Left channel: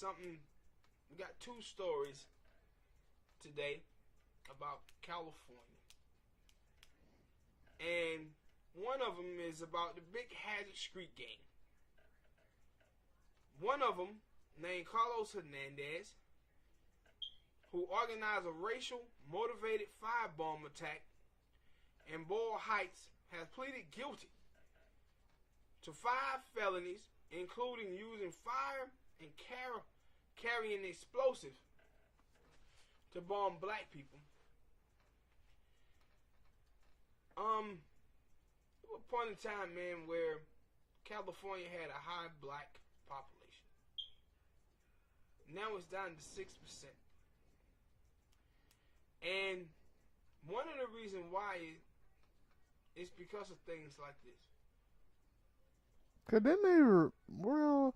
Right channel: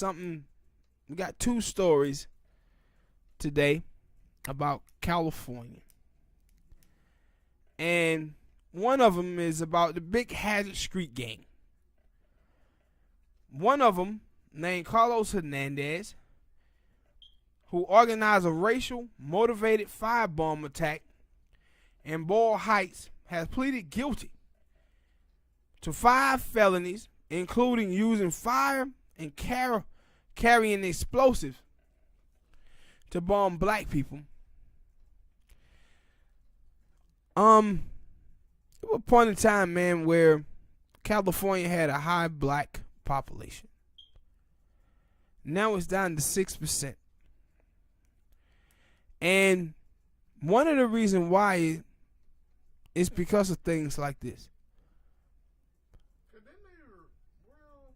something. We got two stories today about California, and one of them is about the Big Hazard Street Gang. One of them, named Carlos Hernandez, who organized a racial motivated firebomb attack in Boyle Heights, has pleaded guilty to 5 felonies, including using fire and carrying explosives to bomb black people. There was a point in time, man, where California had a high black population. Now it's down to 6%. And one of the reasons why is because of things like this. Cause then they were, well,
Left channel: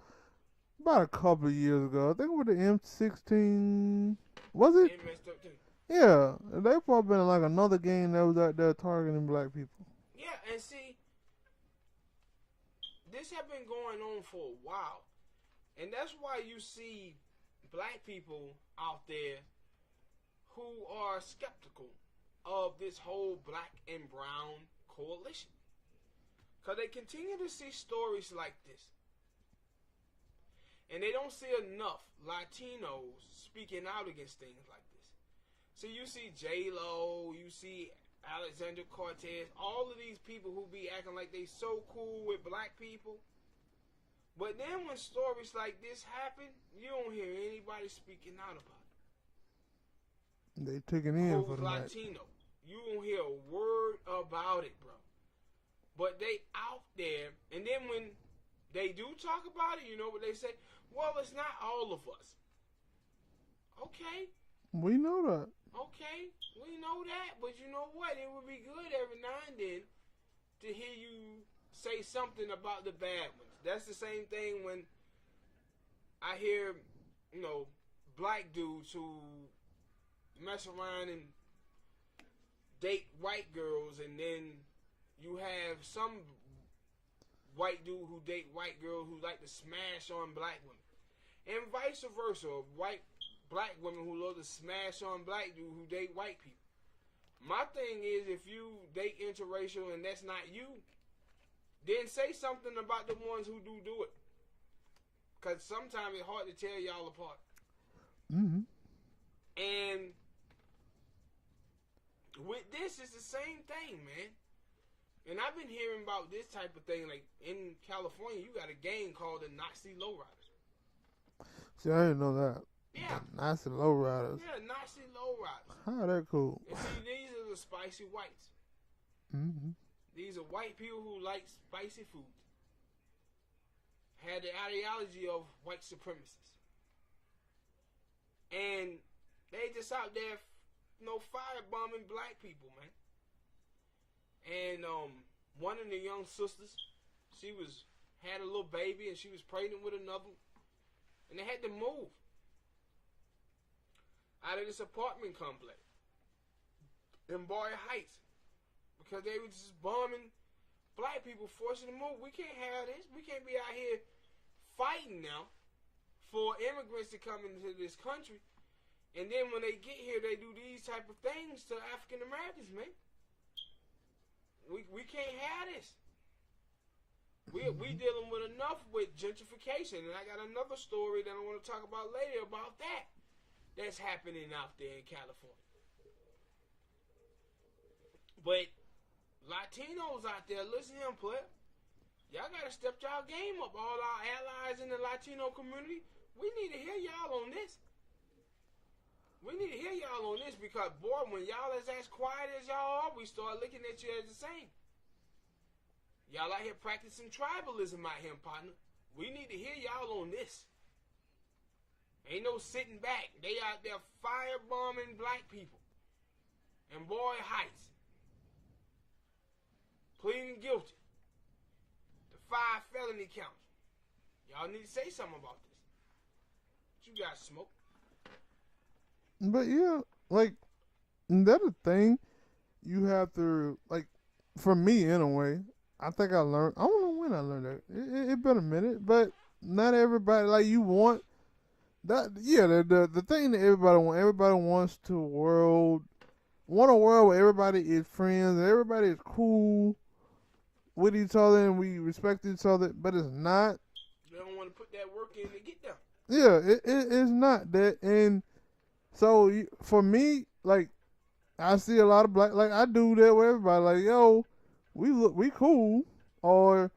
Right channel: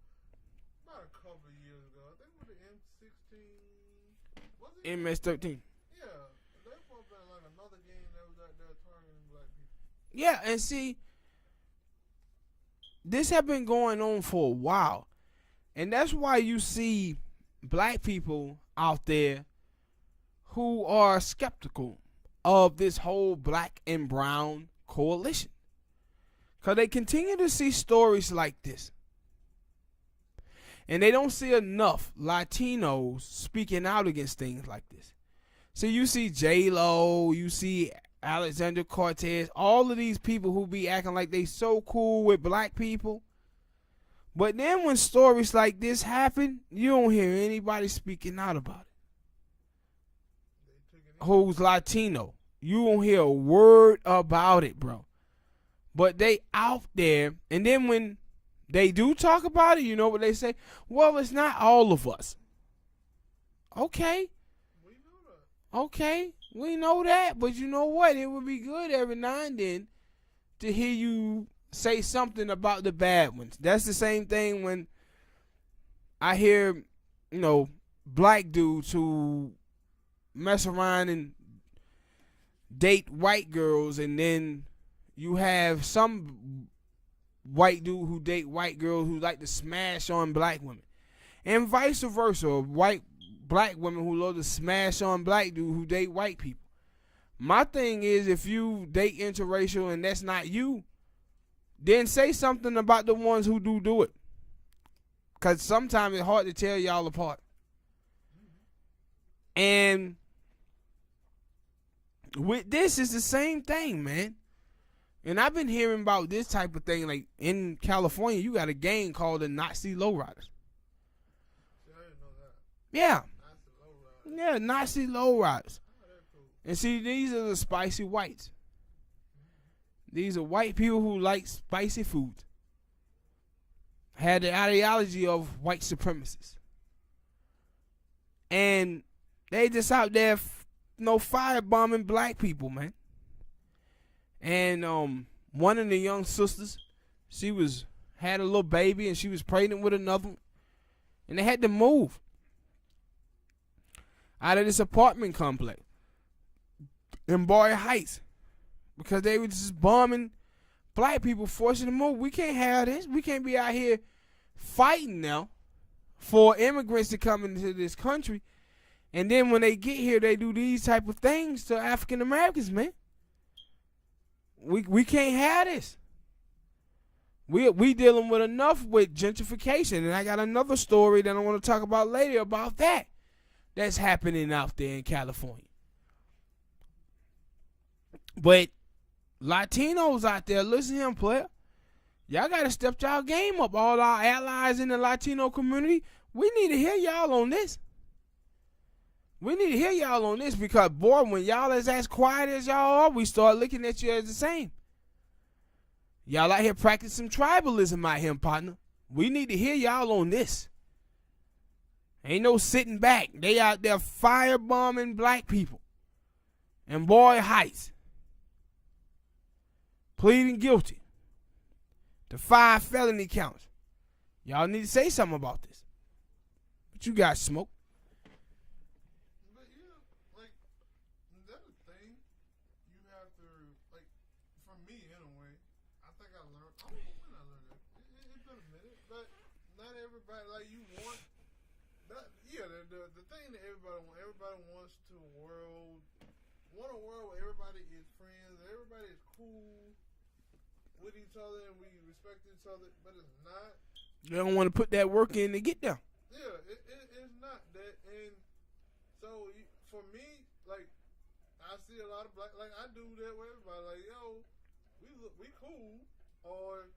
about a couple of years ago, I think with the M16, was it? MS-13. Yeah, they probably been like another gang that was out there targeting black people. Yeah, and see, this have been going on for a while. And that's why you see black people out there who are skeptical of this whole black and brown coalition. Because they continue to see stories like this. And they don't see enough Latinos speaking out against things like this. So you see J-Lo, you see Alexander Cortez, all of these people who be acting like they so cool with black people. But then when stories like this happen, you don't hear anybody speaking out about it. They taking in who's Latino. You don't hear a word about it, bro. But they out there, and then when they do talk about it, you know what they say? Well, it's not all of us. Okay. We know that. Okay, we know that, but you know what? It would be good every now and then to hear you say something about the bad ones. That's the same thing when I hear, black dudes who mess around and date white girls, and then you have some white dude who date white girls who like to smash on black women, and vice versa. Black women who love to smash on black dudes who date white people. My thing is, if you date interracial and that's not you, then say something about the ones who do it. Because sometimes it's hard to tell y'all apart. Mm-hmm. And with this, it's the same thing, man. And I've been hearing about this type of thing. Like in California, you got a gang called the Nazi Lowriders. See, I didn't know that. Yeah. Nazi Lowriders. Yeah, Nazi Lowriders. How that cool? And see, these are the spicy whites. Mm-hmm. These are white people who like spicy foods. Had the ideology of white supremacists. And they just out there, firebombing black people, man. And one of the young sisters, she had a little baby and she was pregnant with another one. And they had to move out of this apartment complex in Boyle Heights because they were just bombing black people, forcing them to move. We can't have this. We can't be out here fighting now for immigrants to come into this country, and then when they get here, they do these type of things to African Americans, man. We can't have this. We dealing with enough with gentrification, and I got another story that I want to talk about later about that's happening out there in California. But Latinos out there, listen to him, player. Y'all got to step y'all game up. All our allies in the Latino community, we need to hear y'all on this. We need to hear y'all on this because, boy, when y'all is as quiet as y'all are, we start looking at you as the same. Y'all out here practicing tribalism out here, partner. We need to hear y'all on this. Ain't no sitting back. They out there firebombing black people in Boyle Heights, pleading guilty to 5 felony counts. Y'all need to say something about this. What you got, Smoke? But yeah, like, that's a thing you have to, like, for me anyway, I think I learned, I don't know when I learned that. It been a minute, but not everybody, like, you want the thing that everybody wants want a world where everybody is friends and everybody is cool with each other and we respect each other, but it's not. They don't want to put that work in to get there. Yeah, it's not that. And so for me, like, I see a lot of black, like, I do that with everybody. Like, yo, we cool, or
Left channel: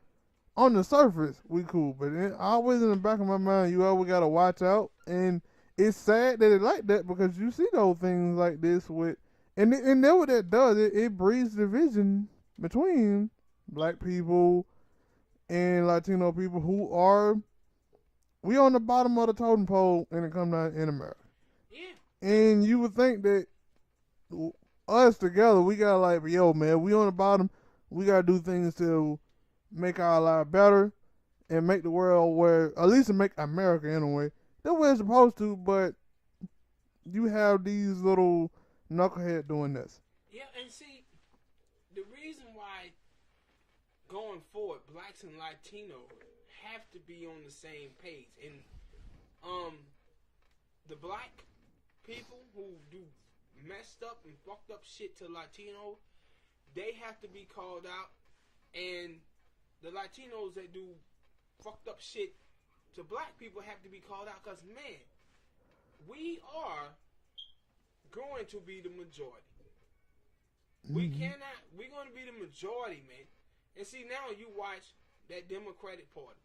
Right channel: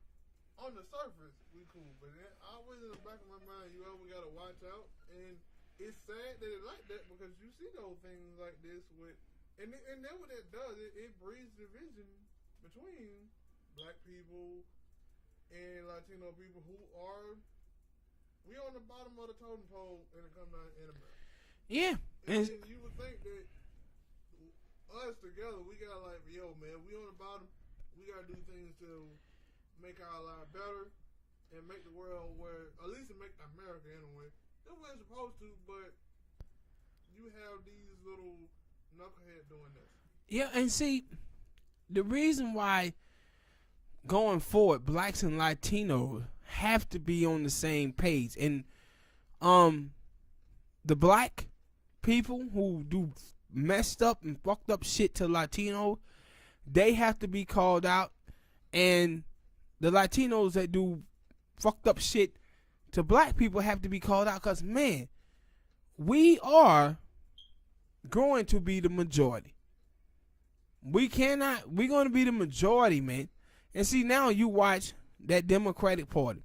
on the surface we cool, but always in the back of my mind, you always gotta watch out. And it's sad that it like that because you see those things like this with, and then what that does, it breeds division between black people and Latino people who are, we on the bottom of the totem pole when it comes down in America. Yeah. And you would think that us together, we gotta like, yo, man, we on the bottom. We gotta do things to make our life better and make the world where, at least to make America anyway, the way it's supposed to. But you have these little knucklehead doing this. Yeah, and see, the reason why going forward, blacks and Latinos have to be on the same page, and the black people who do messed up and fucked up shit to Latino, they have to be called out, and the Latinos that do fucked up shit to black people have to be called out, because, man, we are going to be the majority. We're going to be the majority, man. And see, now you watch that Democratic Party.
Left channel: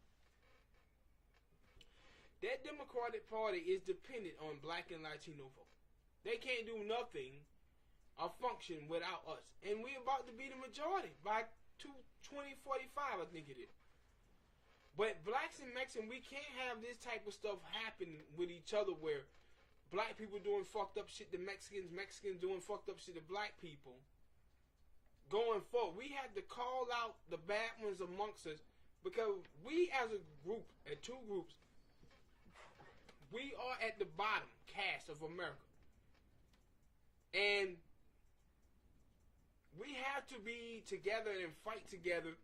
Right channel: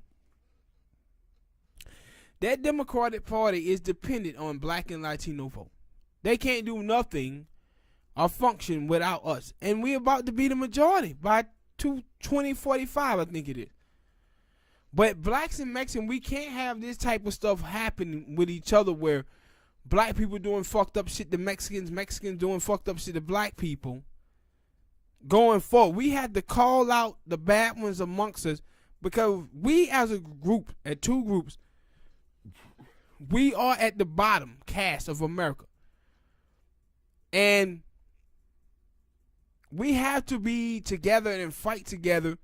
That Democratic Party is dependent on black and Latino vote. They can't do nothing or function without us. And we're about to be the majority by 2045, I think it is. But blacks and Mexicans, we can't have this type of stuff happening with each other where black people doing fucked up shit to Mexicans doing fucked up shit to black people. Going forward, we had to call out the bad ones amongst us, because we as a group, at two groups, we are at the bottom cast of America. And we have to be together and fight together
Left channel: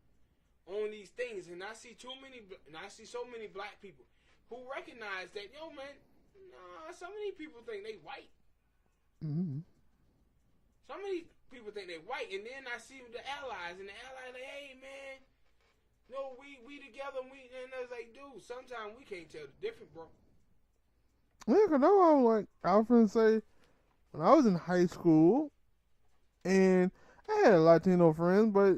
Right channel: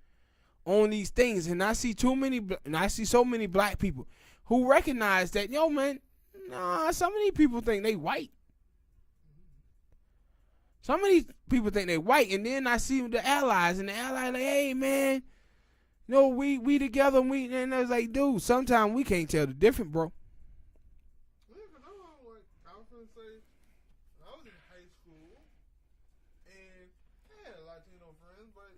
on these things. And I see so many black people who recognize that, yo, man, nah, some of these people think they white. Mm-hmm. Some of these people think they white, and then I see the allies, and the allies like, hey, man, no, we together, and it's like, dude, sometimes we can't tell the difference, bro. Yeah, because I was going to say, when I was in high school, and I had Latino friends, but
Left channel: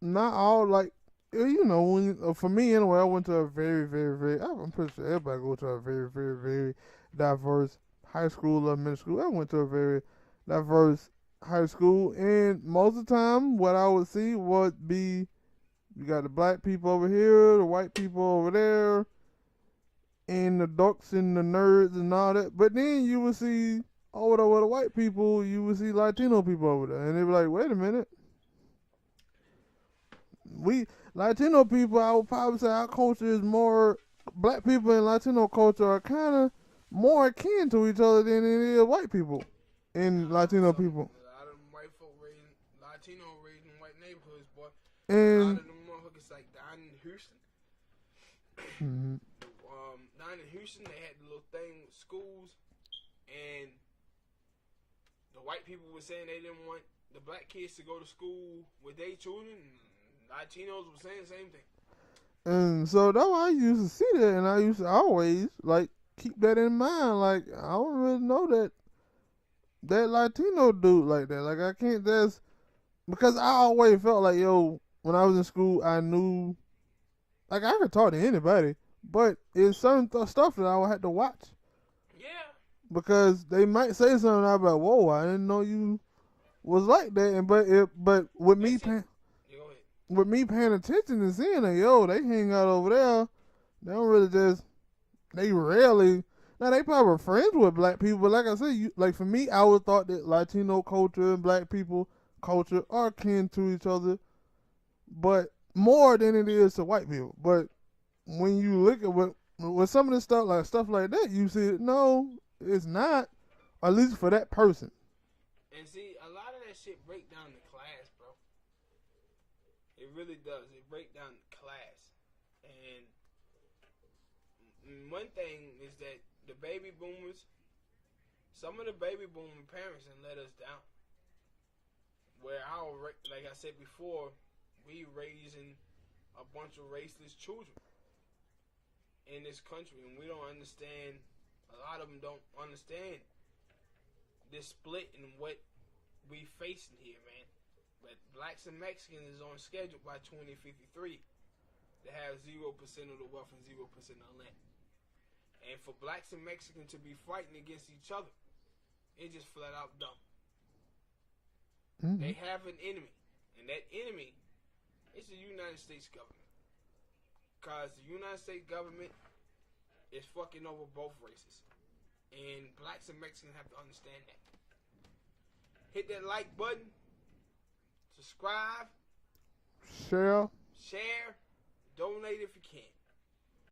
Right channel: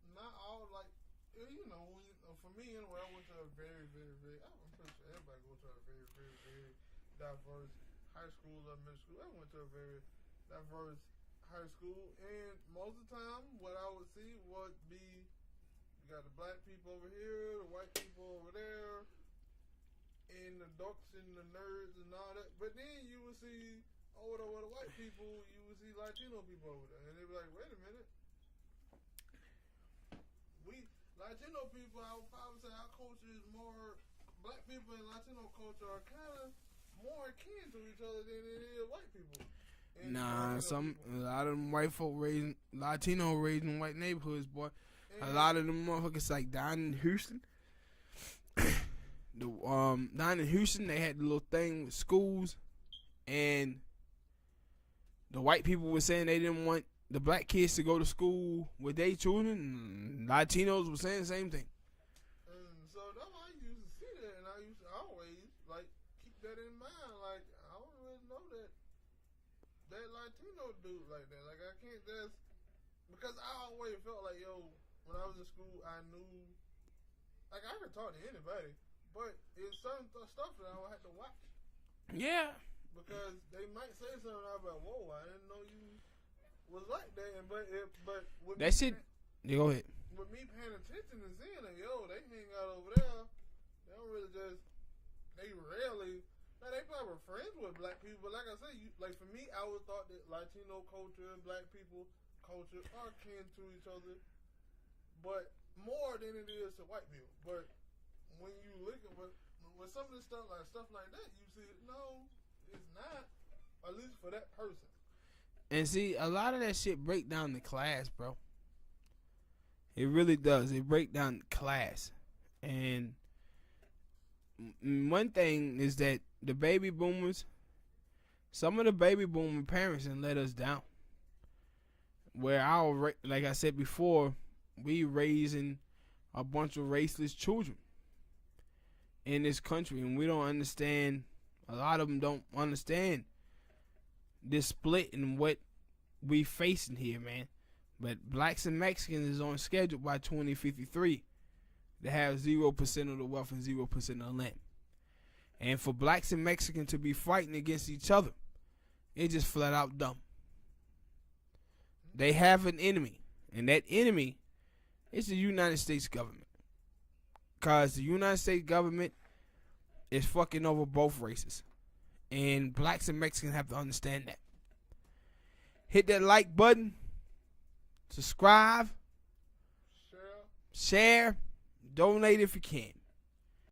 not all, like, you know, for me anyway, I went to a very, very, very, I'm pretty sure everybody goes to a very, very, very diverse high school or middle school. I went to a very diverse high school, and most of the time, what I would see would be, you got the black people over here, the white people over there, and the dorks and the nerds and all that. But then you would see over there with the white people, you would see Latino people over there, and they were like, wait a minute. We Latino people, I would probably say our culture is more, black people and Latino culture are kind of more akin to each other than it is white people and Latino people. A lot of them white folk Latino raised in white neighborhoods, boy. And a lot of them motherfuckers like down in Houston. Down in Houston, they had the little thing with schools, and the white people were saying they didn't want the black kids to go to school with their children, and Latinos were saying the same thing. And so that's why I used to see that, and I used to always like keep that in mind. Like, I don't really know that Latino dude like that. Like, I can't just, because I always felt like, yo, when I was in school, I knew, like, I could talk to anybody, but it's certain stuff that I would have to watch. Yeah. Because they might say something, I'd be like, whoa, I didn't know you was like that. And but with me, go ahead. With me paying attention and seeing that, yo, they hang out over there. They don't really just, they rarely. Now, they probably were friends with black people, but like I said, like for me, I would thought that Latino culture and black people culture are akin to each other, but more than it is to white people. But when you look at with some of this stuff like that, you see, no, it's not, at least for that person. And see, a lot of that shit break down the class, bro. It really does. It break down the class. And one thing is that the baby boomers, some of the baby boomer parents, and let us down. Where like I said before, we raising a bunch of raceless children in this country, and we don't understand. A lot of them don't understand this split and what we facing here, man. But blacks and Mexicans is on schedule by 2053 to have 0% of the wealth and 0% of the land. And for blacks and Mexicans to be fighting against each other, it's just flat out dumb. They have an enemy, and that enemy is the United States government. Because the United States government is fucking over both races. And blacks and Mexicans have to understand that. Hit that like button. Subscribe. Share. Donate if you can.